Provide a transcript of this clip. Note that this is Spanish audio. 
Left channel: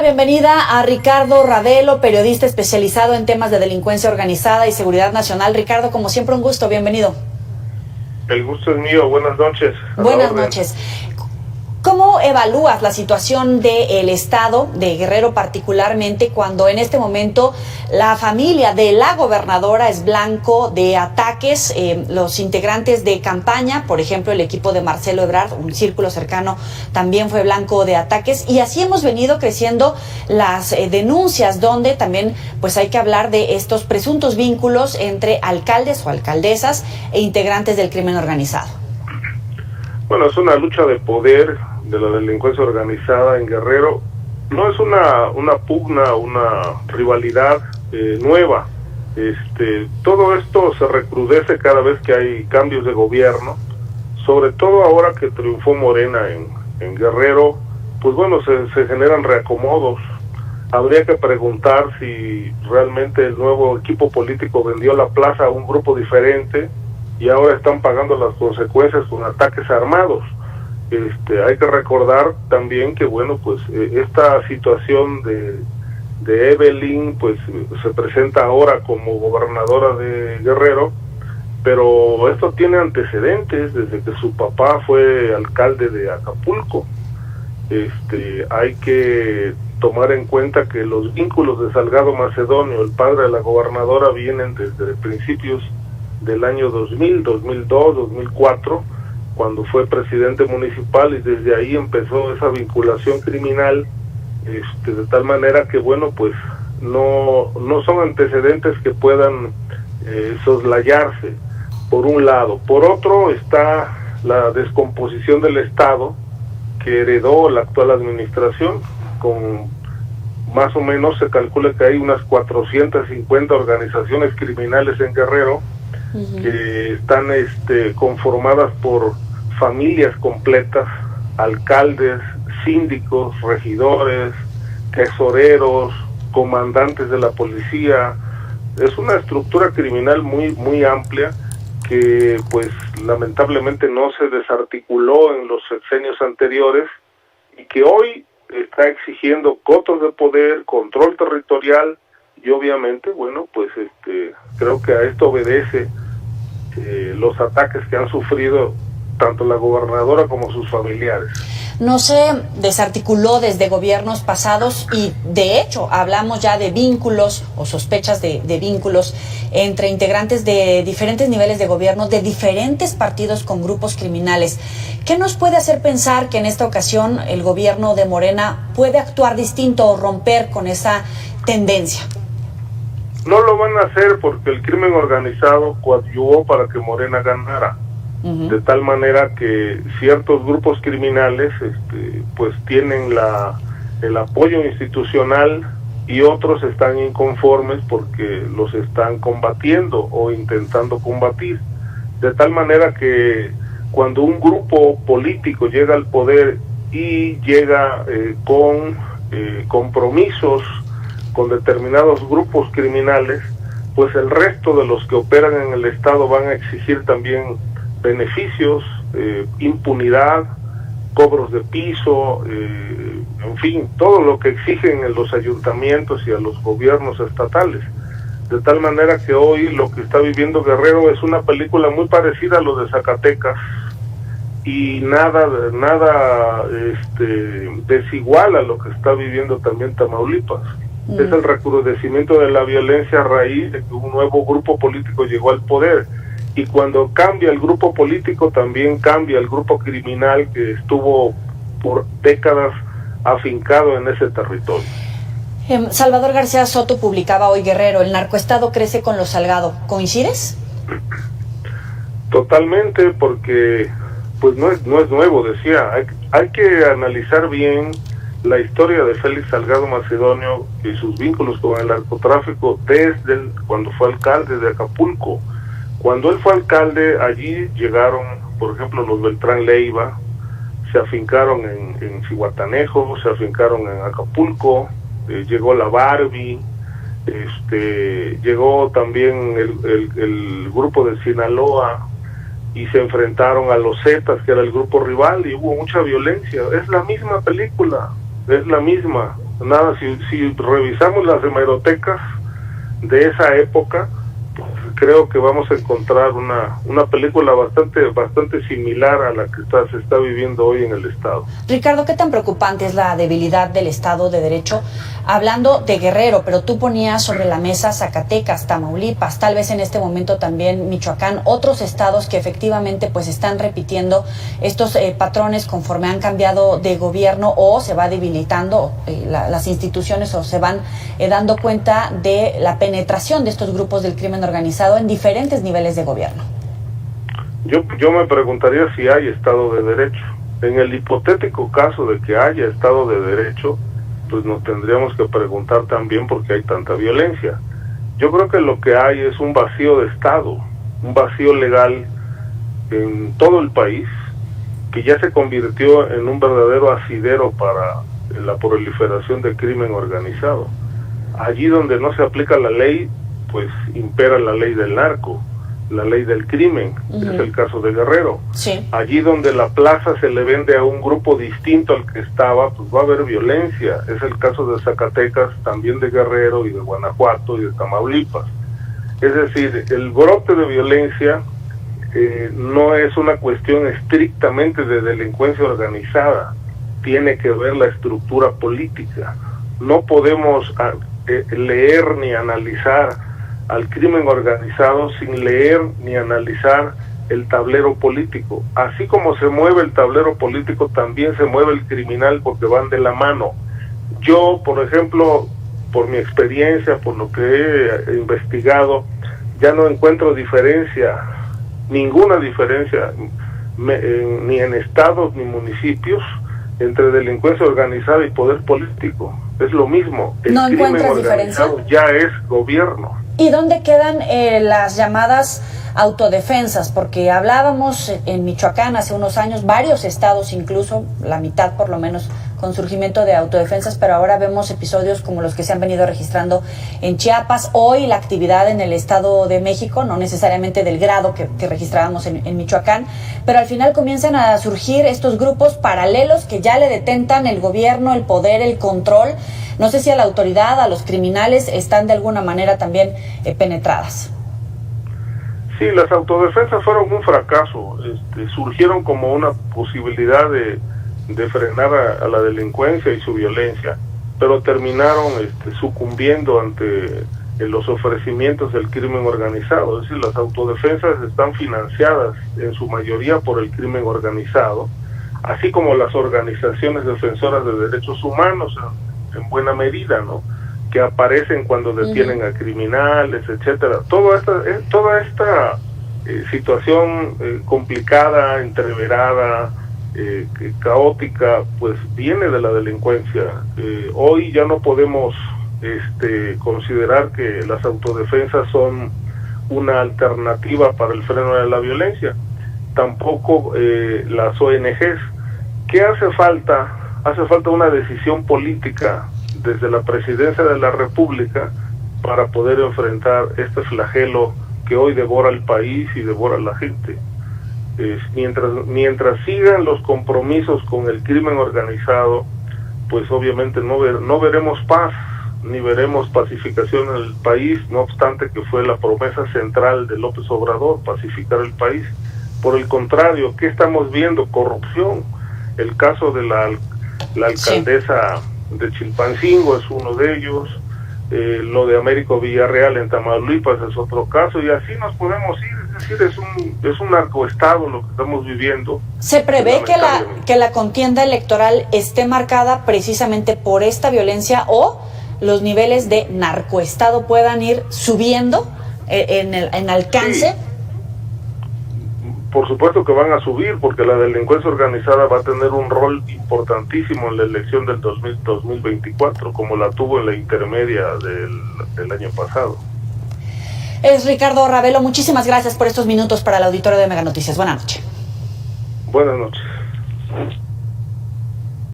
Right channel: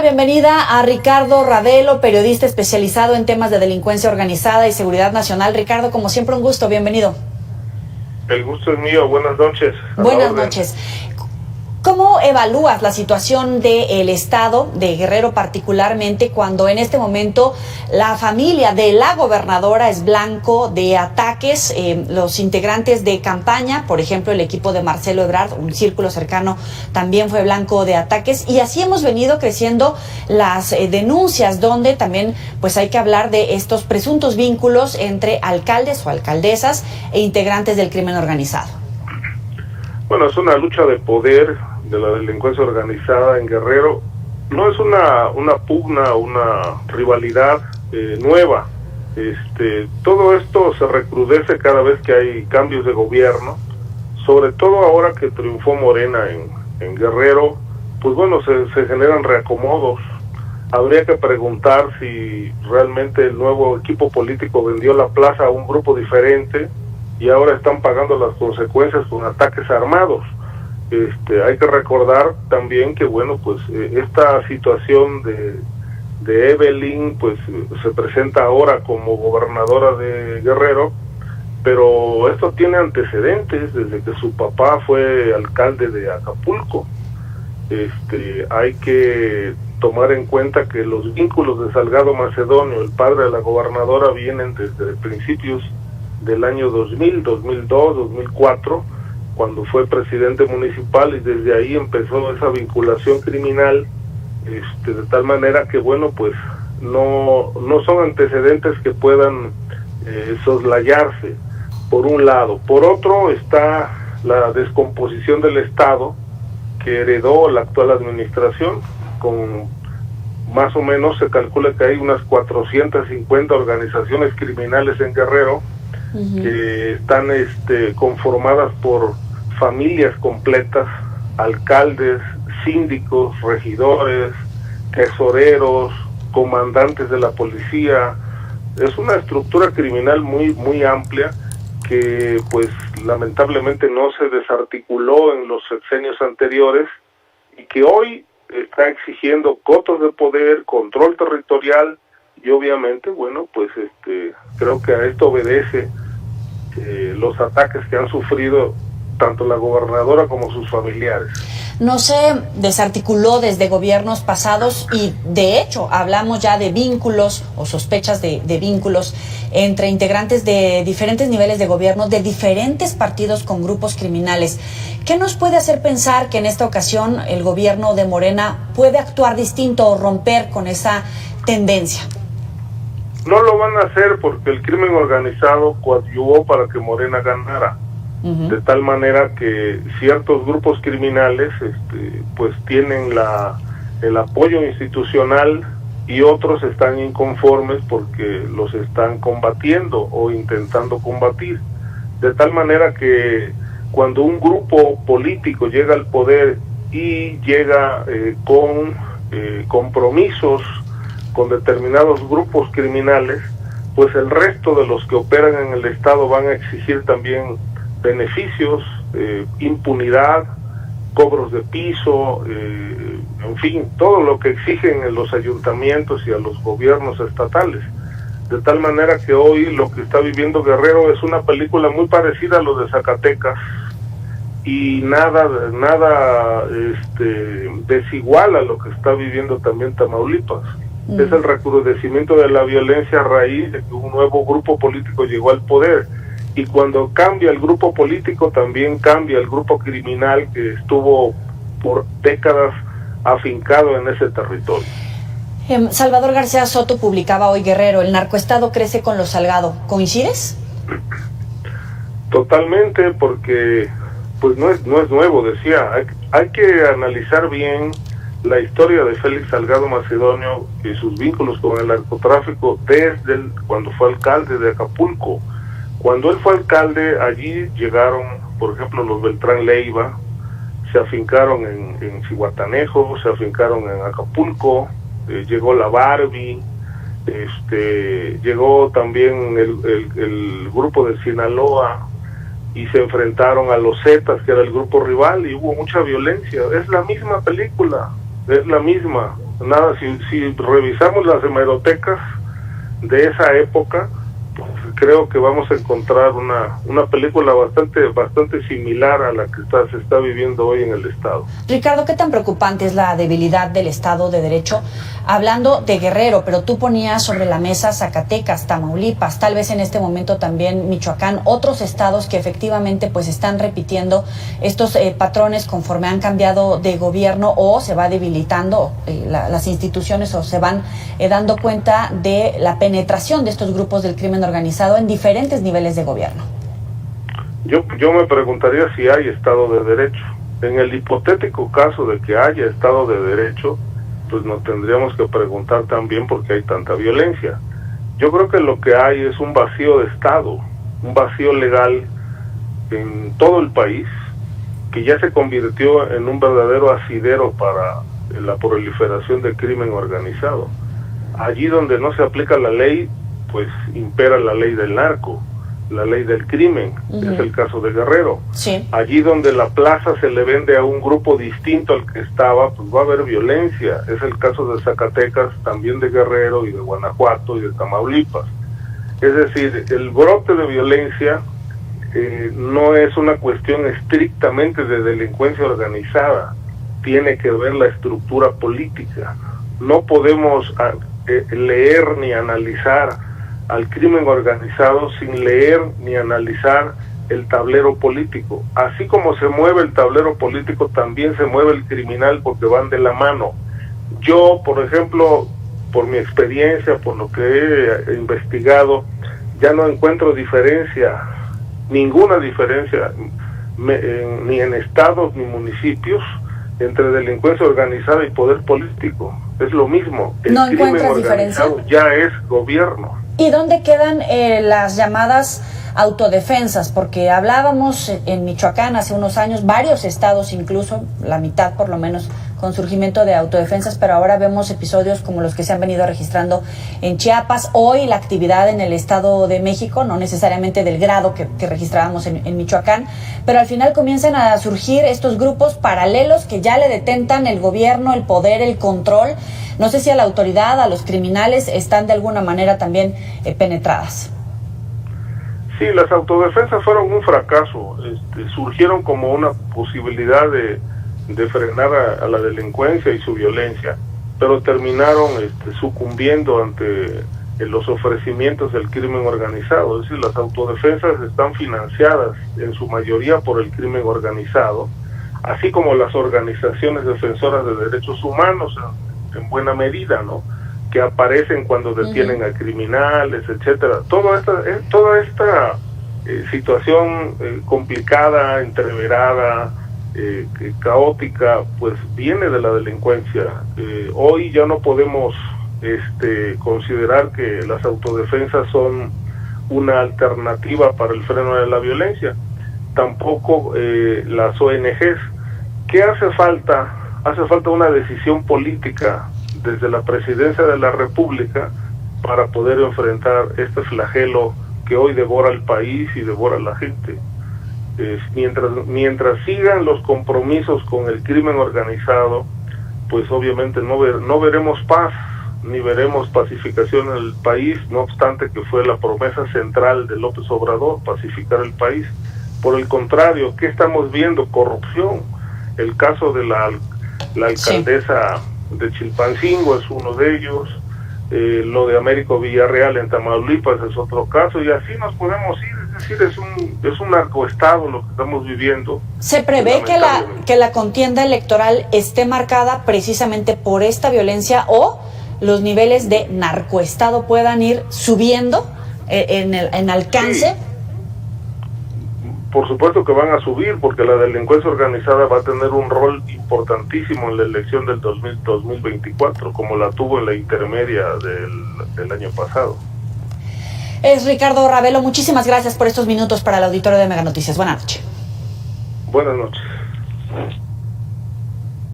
Bienvenida a Ricardo Ravelo, periodista especializado en temas de delincuencia organizada y seguridad nacional. Ricardo, como siempre, un gusto, bienvenido. El gusto es mío, buenas noches. Buenas noches. ¿Cómo evalúas la situación del Estado, de Guerrero particularmente, cuando en este momento la familia de la gobernadora es blanco de ataques? Los integrantes de campaña, por ejemplo, el equipo de Marcelo Ebrard, un círculo cercano, también fue blanco de ataques. Y así hemos venido creciendo las denuncias, donde también pues hay que hablar de estos presuntos vínculos entre alcaldes o alcaldesas e integrantes del crimen organizado. Bueno, es una lucha de poder de la delincuencia organizada en Guerrero. No es una pugna, una rivalidad nueva. Todo esto se recrudece cada vez que hay cambios de gobierno, sobre todo ahora que triunfó Morena en Guerrero. Pues bueno, se generan reacomodos. Habría que preguntar si realmente el nuevo equipo político vendió la plaza a un grupo diferente y ahora están pagando las consecuencias con ataques armados. Hay que recordar también que bueno, pues esta situación de Evelyn pues se presenta ahora como gobernadora de Guerrero, pero esto tiene antecedentes desde que su papá fue alcalde de Acapulco. Hay que tomar en cuenta que los vínculos de Salgado Macedonio, el padre de la gobernadora, vienen desde principios del año 2000, 2002, 2004, cuando fue presidente municipal, y desde ahí empezó esa vinculación criminal, de tal manera que bueno, pues no son antecedentes que puedan soslayarse, por un lado. Por otro está la descomposición del Estado que heredó la actual administración, con más o menos se calcula que hay unas 450 organizaciones criminales en Guerrero, que están conformadas por familias completas, alcaldes, síndicos, regidores, tesoreros, comandantes de la policía. Es una estructura criminal muy amplia que pues lamentablemente no se desarticuló en los sexenios anteriores y que hoy está exigiendo cotos de poder, control territorial. Y obviamente, bueno, pues creo que a esto obedece los ataques que han sufrido tanto la gobernadora como sus familiares. No se desarticuló desde gobiernos pasados y de hecho hablamos ya de vínculos o sospechas de vínculos entre integrantes de diferentes niveles de gobierno, de diferentes partidos con grupos criminales. ¿Qué nos puede hacer pensar que en esta ocasión el gobierno de Morena puede actuar distinto o romper con esa tendencia? No lo van a hacer porque el crimen organizado coadyuvó para que Morena ganara. De tal manera que ciertos grupos criminales pues tienen el apoyo institucional y otros están inconformes porque los están combatiendo o intentando combatir. De tal manera que cuando un grupo político llega al poder y llega con compromisos con determinados grupos criminales, pues el resto de los que operan en el Estado van a exigir también beneficios, impunidad, cobros de piso, en fin, todo lo que exigen en los ayuntamientos y a los gobiernos estatales. De tal manera que hoy lo que está viviendo Guerrero es una película muy parecida a lo de Zacatecas y nada desigual a lo que está viviendo también Tamaulipas. Es el recrudecimiento de la violencia a raíz de que un nuevo grupo político llegó al poder. Y cuando cambia el grupo político, también cambia el grupo criminal que estuvo por décadas afincado en ese territorio. Salvador García Soto publicaba hoy Guerrero, el narcoestado crece con los Salgado. ¿Coincides? Totalmente, porque pues no es nuevo, decía. Hay que analizar bien la historia de Félix Salgado Macedonio y sus vínculos con el narcotráfico desde cuando fue alcalde de Acapulco. Cuando él fue alcalde, allí llegaron, por ejemplo, los Beltrán Leiva, se afincaron en Zihuatanejo, se afincaron en Acapulco, llegó la Barbie, llegó también el grupo de Sinaloa y se enfrentaron a los Zetas, que era el grupo rival, y hubo mucha violencia. Es la misma película, es la misma. Nada, si revisamos las hemerotecas de esa época, pues creo que vamos a encontrar una película bastante similar a la que se está viviendo hoy en el Estado. Ricardo, ¿qué tan preocupante es la debilidad del Estado de Derecho? Hablando de Guerrero, pero tú ponías sobre la mesa Zacatecas, Tamaulipas, tal vez en este momento también Michoacán, otros estados que efectivamente pues están repitiendo estos patrones conforme han cambiado de gobierno o se va debilitando las instituciones o se van dando cuenta de la penetración de estos grupos del crimen organizado en diferentes niveles de gobierno. Yo me preguntaría si hay Estado de Derecho. En el hipotético caso de que haya Estado de Derecho, pues nos tendríamos que preguntar también por qué hay tanta violencia. Yo creo que lo que hay es un vacío de Estado, un vacío legal en todo el país, que ya se convirtió en un verdadero asidero para la proliferación del crimen organizado. Allí donde no se aplica la ley, pues impera la ley del narco, la ley del crimen, es el caso de Guerrero. Sí. Allí donde la plaza se le vende a un grupo distinto al que estaba, pues va a haber violencia. Es el caso de Zacatecas, también de Guerrero y de Guanajuato y de Tamaulipas. Es decir, el brote de violencia no es una cuestión estrictamente de delincuencia organizada, tiene que ver la estructura política. No podemos leer ni analizar al crimen organizado sin leer ni analizar el tablero político. Así como se mueve el tablero político, también se mueve el criminal porque van de la mano. Yo, por ejemplo, por mi experiencia, por lo que he investigado, ya no encuentro ninguna diferencia, ni en estados ni municipios, entre delincuencia organizada y poder político. Es lo mismo. El crimen organizado ya es gobierno. ¿Y dónde quedan las llamadas autodefensas? Porque hablábamos en Michoacán hace unos años, varios estados incluso, la mitad por lo menos, con surgimiento de autodefensas, pero ahora vemos episodios como los que se han venido registrando en Chiapas. Hoy la actividad en el Estado de México, no necesariamente del grado que registrábamos en Michoacán, pero al final comienzan a surgir estos grupos paralelos que ya le detentan el gobierno, el poder, el control. No sé si a la autoridad, a los criminales, están de alguna manera también penetradas. Sí, las autodefensas fueron un fracaso. Surgieron como una posibilidad de frenar a la delincuencia y su violencia, pero terminaron sucumbiendo ante los ofrecimientos del crimen organizado. Es decir, las autodefensas están financiadas en su mayoría por el crimen organizado, así como las organizaciones defensoras de derechos humanos, en buena medida, ¿no?, que aparecen cuando detienen a criminales, etcétera. Toda esta situación complicada, entreverada, caótica, pues viene de la delincuencia. Hoy ya no podemos considerar que las autodefensas son una alternativa para el freno de la violencia, tampoco las ONGs. ¿Qué hace falta? Hace falta una decisión política desde la Presidencia de la República para poder enfrentar este flagelo que hoy devora el país y devora a la gente. Mientras sigan los compromisos con el crimen organizado, pues obviamente no veremos paz, ni veremos pacificación en el país, no obstante que fue la promesa central de López Obrador, pacificar el país. Por el contrario, ¿qué estamos viendo? Corrupción. El caso de la alcaldesa de Chilpancingo es uno de ellos, lo de Américo Villarreal en Tamaulipas es otro caso, y así nos podemos ir. Es decir, es un narcoestado lo que estamos viviendo. ¿Se prevé que la contienda electoral esté marcada precisamente por esta violencia o los niveles de narcoestado puedan ir subiendo en alcance? Sí. Por supuesto que van a subir, porque la delincuencia organizada va a tener un rol importantísimo en la elección del 2024, como la tuvo en la intermedia del año pasado. Es Ricardo Ravelo, muchísimas gracias por estos minutos para el auditorio de Mega Noticias. Buenas noches. Buenas noches.